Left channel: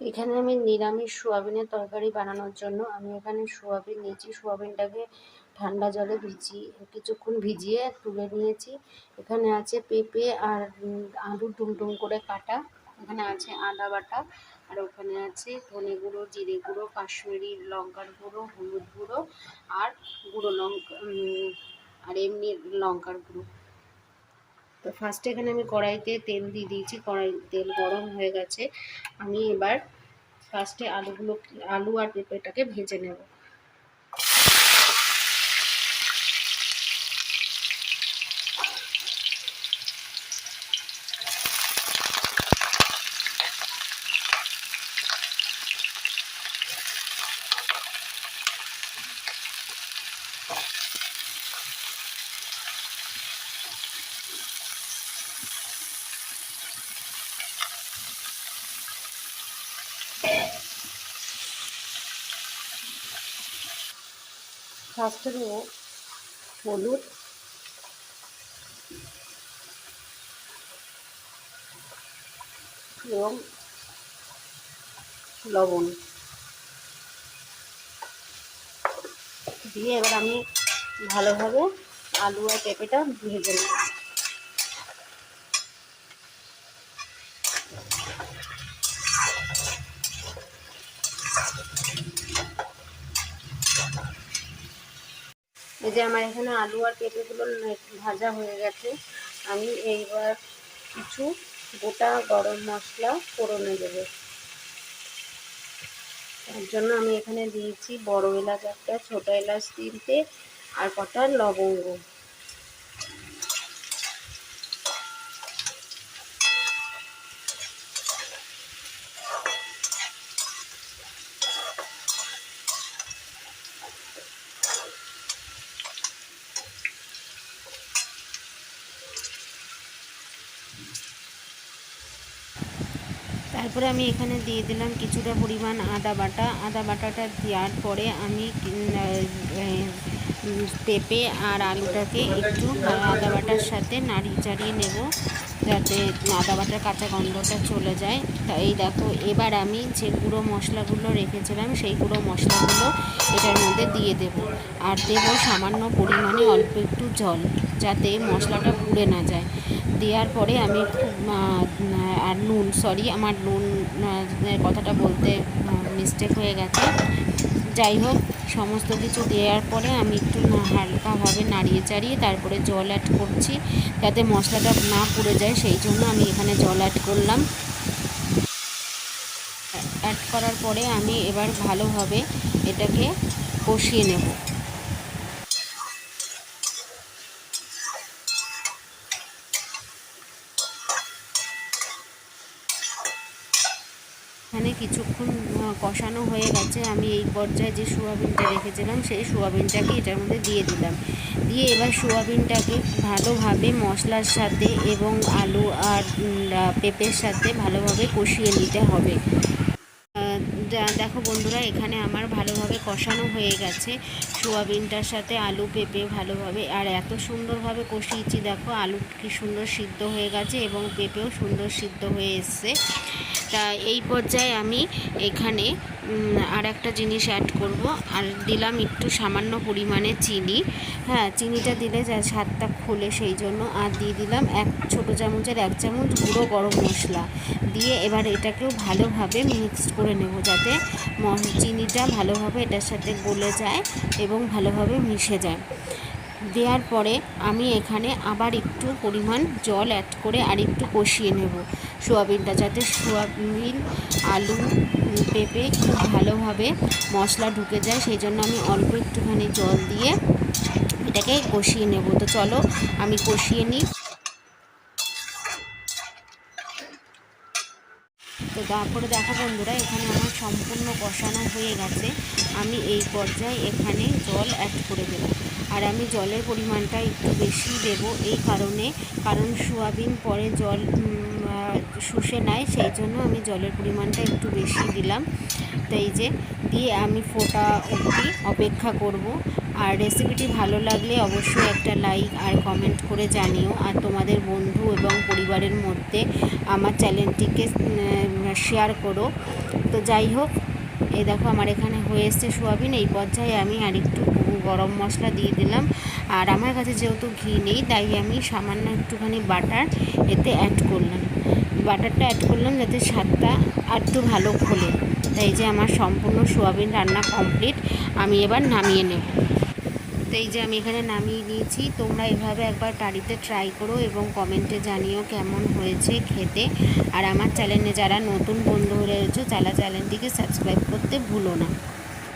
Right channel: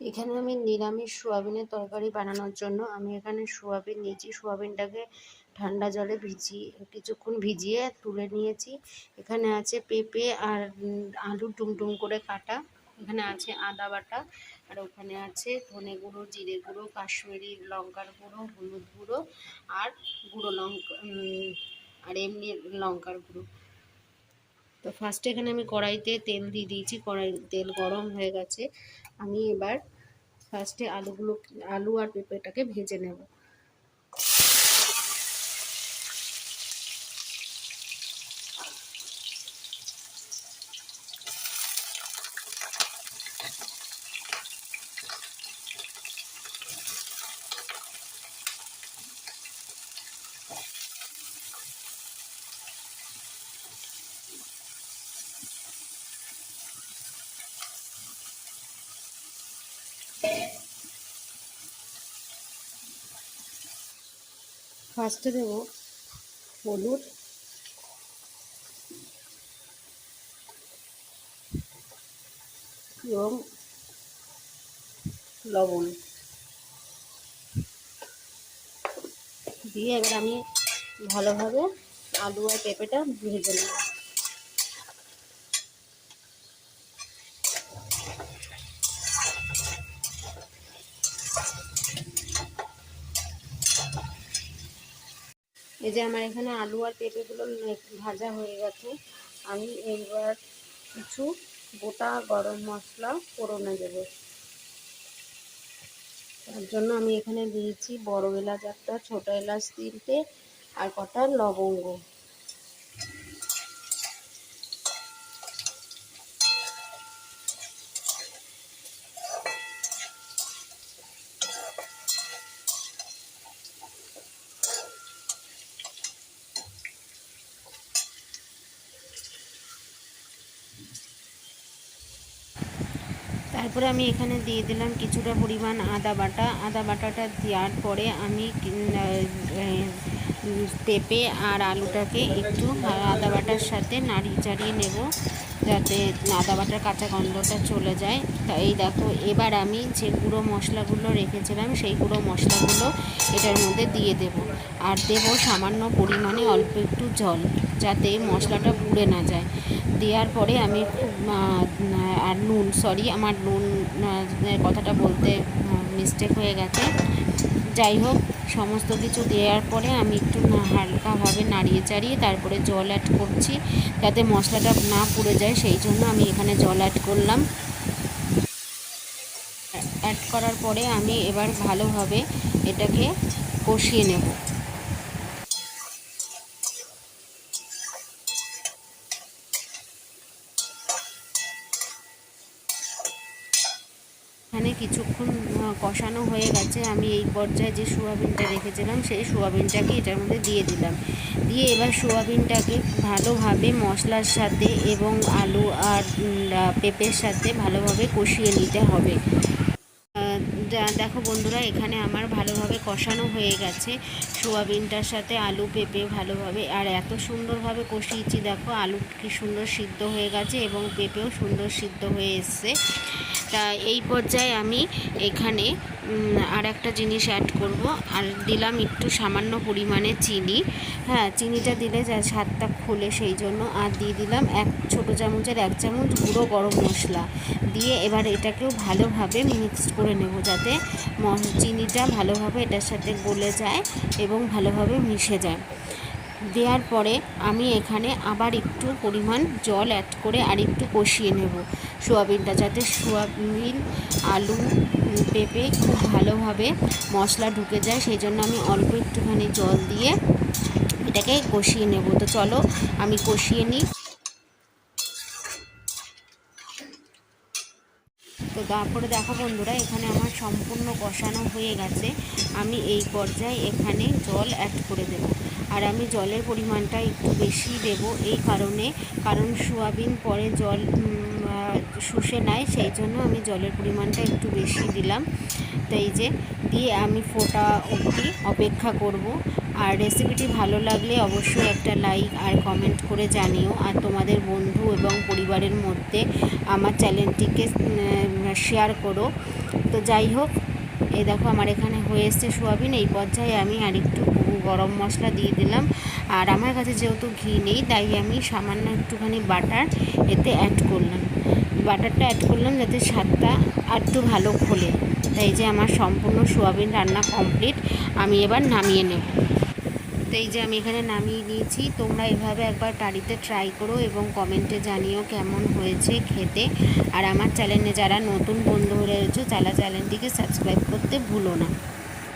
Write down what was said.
এখানে আমি নিরামিষ সোয়াবিনের তরকারি বানানোর জন্য আমি এখানে সোয়াবিন নিয়েছি। সোয়াবিনটাকে ঠান্ডা জলে কিছুক্ষণ ভিজিয়ে তুলে নিয়েছি। এখানে আছে পেঁপে আর আলু ডুমডুম করে কাটা। এখানে আছে আদা বাটা, আর ওখানে আছে ধনে গুঁড়ো, জিরে গুঁড়ো, কাশ্মীরি লঙ্কার গুঁড়ো, হলুদ গুঁড়ো আর গুঁড়ো লঙ্কা আর এমনি লঙ্কার গুঁড়ো। তো ফার্স্টে এখানে আমি কড়াইতে তেল দিয়ে দিয়েছি। তেল গরম হয়ে গেছে। আমি এবার ফার্স্টে আলু আর পেঁপেটাকে ভেজে নেব। ফার্স্টে দেব হলুদ, এবং লবণ দিয়ে এবার আমি ভালোভাবে আলু আর পেঁপেটা ভেজে নেব। এই যে আমার এখানে আলু আর পেঁপেগুলো ভাজা হয়ে গেছে। আমি এইবার কিছু গোটা গরম মশলা ফোড়নে দেবো। তার জন্য আমি এখানে দিয়েছি বড় এলাচ একটা, ছোটো এলাচ তিনটে আর কটা লবঙ্গ। তারপরে আমি এখানে দিয়ে দিলাম কিছুটা পরিমাণ আদা বাটা। আদা বাটাটা দেওয়ার পরে আমি পেঁপে আর আলুটাকে একটু আদা বাটার সাথে নাড়িয়ে চাড়িয়ে নেব, যাতে আদা বাটার কাঁচা গন্ধটা চলে যায়। তা এই দেখো, এবার আমি যে গুঁড়ো মশলাগুলো রেখেছিলাম সেই গুঁড়ো মশলাগুলো এটার মধ্যে দিয়ে দেব। আর দেব সামান্য পরিমাণে অল্প একটু জল, যাতে মশলাটা পুড়ে না যায়। দেওয়ার পরে আমি আর নুন, আমার নুন কথাটা বলতে মিস্টেক হয়ে গেছে। যাই হোক, সমস্ত কিছু দেওয়ার পরে আমি একটু হালকাভাবে নাড়িয়ে চাড়িয়ে তারপরে জল অ্যাড করছি, যাতে মশলাটা না পুড়ে যায়। সেই জন্য আমি এখানে জল অ্যাড করলাম। অ্যাড করার পরে আমি এবার ভালোভাবে এটাকে কষিয়ে নেব। এখানে কিছুক্ষণ কষানো হয়ে গেছে। আমি এই পর্যায়ে যে সোয়াবিনটা রেখেছিলাম সেই সোয়াবিনটাকে এটার মধ্যে দিয়ে দিলাম। দিয়ে এবার সোয়াবিনটাকে ভালোভাবে মশলার সাথে এবং আলু আর পেঁপের সাথে ভালোভাবে কষিয়ে নিতে হবে। দেখো বন্ধুরা, এখানে আমার ভালোভাবে কষানো হয়ে গেছে সোয়াবিনটার সাথে আলু পেঁপে ভালোভাবে। আর এত সুন্দরভাবে কষিয়েছি, দেখো আলু কি সুন্দর সিদ্ধ হয়ে গেছে এবং পেঁপেও সুন্দর সিদ্ধ হয়ে এসছে। তা এই পর্যায়ে আমি এখানে আর একটা জিনিস অ্যাড করব, আর দিলাম একটু সামান্য পরিমাণে চিনি। হ্যাঁ, চিনিটা দিলে যা স্বাদটা খোলে সেই জন্য। আর দিয়ে দিলাম 1 ছোটো চামচের 1 চামচ গুঁড়ো গরম মশলা দিয়ে এবার এটাকেও ভালোভাবে মিক্সড করে নেব, যাতে চিনিটা ভালোভাবে এটার সাথে গলে যায় এবং ভালোভাবে মিশে যায়। দেওয়ার পরে আমি এখানে আবার একটু পরিমাণ জল অ্যাড করে আর একটু কষিয়ে নেব সোয়াবিনটা, যাতে সোয়াবিন আলু পেঁপে খুব ভালোভাবে মশলা ঢুকে যায়। সেই জন্য আমি অল্প একটুখানি জল দিয়ে এটাকে কষিয়ে নেব। তো চলো আমি কষিয়ে নিই। তো তারপরে দেখো বন্ধুরা, এখানে আমার সম্পূর্ণ কষানো হয়ে গেছে। আমি এই পর্যায়ে এখানে জল অ্যাড করে দেব। আর আমি জলের পরিমাণটা একটু বেশি দেব এই কারণ সোয়াবিন পরে জল শুষে নেয়, সেই জন্য আমি জলের পরিমাণটা একটু বেশি দিলাম। তো এই যে দিয়ে আমি ফোটা অবধি অপেক্ষা করব। আর রেসিপিটি ভালো লাগলে অবশ্যই একটা লাইক আর কমেন্ট করে জানিও। আর তোমাদের বন্ধু এবং পরিবারের মধ্যে আমার চ্যানেলটিকে শেয়ার করো। তো যাই হোক, এই দেখো আমার এখানে হয়ে এসছে সোয়াবিন। এই পর্যায়ে আমি আরেকটু গরম মশলা দিয়ে দিলাম। আর আমার কাছে যেহেতু ঘি নেই, তাই আমি সামান্য একটুখানি বাটার এতে অ্যাড করলাম। বাটারটা অ্যাড করলাম যাতে স্বাদটা একটু ভালো খোলে। তাই যে আমার সম্পূর্ণ সোয়াবিন রান্না কমপ্লিট। আমি এবার নামিয়ে নেব। তো এই যে আমি এখানে নামিয়ে নিয়েছি। তোমরা এভাবে একবার বাড়িতে ট্রাই করো এবং কমেন্টে জানিও কেমন হয়েছে খেতে। আর আমার চ্যানেলে যারা নতুন বন্ধু রয়েছে, তারা চ্যানেলটিকে সাবস্ক্রাইব করতে ভুলো না।